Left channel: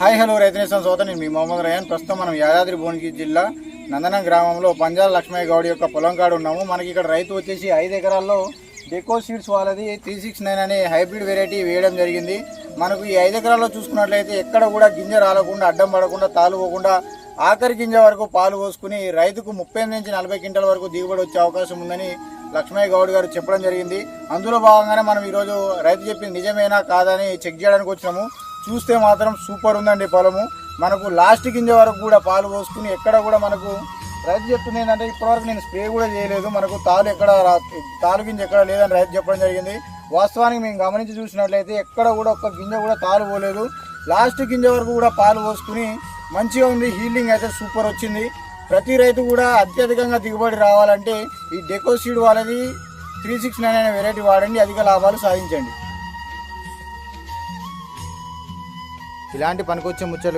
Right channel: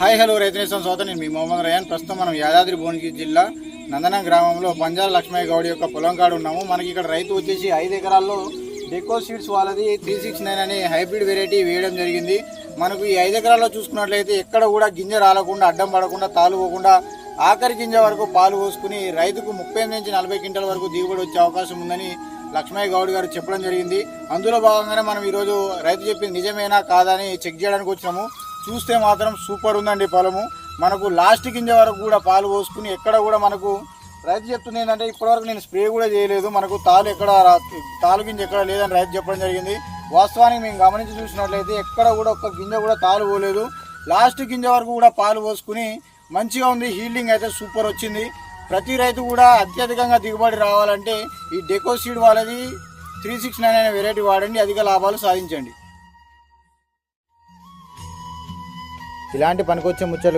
Hi hello రైతు నేస్తం సోదరు, నేను మీ మొహమ్మద్ రయాన్. ప్రస్తుతం మనం యాదాద్రి భువనగిరి జిల్లా నందనం గ్రామంలో పంజాల లక్ష్మయ్య గౌడ్ యొక్క పొలం కాడ ఉన్నాము. మనకి ఇక్కడ రైతు వచ్చేసి 5 ఎకరాల్లో డెకో సీడ్స్ వాళ్ళది 369 అనే హైబ్రిడ్ వెరైటీ వేయడం జరిగింది. మనకు ఈ 5 ఎకరాల్లో చూసుకున్నట్లయితే ఎక్కడ కూడా గింజ రాలకుండా, అడ్డం పడకుండా, తాలుపోకుండా ఆఖరి గింజ వరకు పాలు పోసుకుని రైతుకు 30 నుంచి 40 క్వింటాల వరకు దిగుబడి వచ్చే అవకాశం ఉందని లక్ష్మయ్య గౌడ్ గారు చెప్పడం జరిగింది. అందులో భాగంగానే మనం ఈరోజు రైతు చెప్పింది నిజమేనా కాదని చెక్ చేయడానికి వచ్చాము. చూస్తే మాత్రం సూపర్ ఉందండి పొలము. మనకు లాస్ట్ గింజ వరకు కూడా పాలు పోసుకుని ఎక్కడ కూడా మనకు రైతు చెప్తుంది ఏంటంటే ఇప్పటివరకు నేను స్ప్రే కూడా చేయలేదు, మనకు తాలు గింజ ఎక్కడ లేదని రైతు చెప్పడం జరిగింది. వాస్తవానికి మేము గమనించి చూసినట్లయితే ఎక్కడ కూడా ఒక్క గింజ కూడా తాలు పోలేదు. లాస్ట్ గింజ వరకు కూడా పాలు పోసుకుని మంచిగా ఉంది. హీల్డింగ్ అయితే సూపర్ వచ్చింది. ప్రతి రైతు కూడా అత్యధికంగా దిగుబడి రావాలంటే ఈ డెకో సీడ్ వాళ్ళది 369 అనే వెరైటీ వాడండి, అధిక లాభాలు సాధించండి. ఇలాంటి పనికొచ్చే ముచ్చట్లు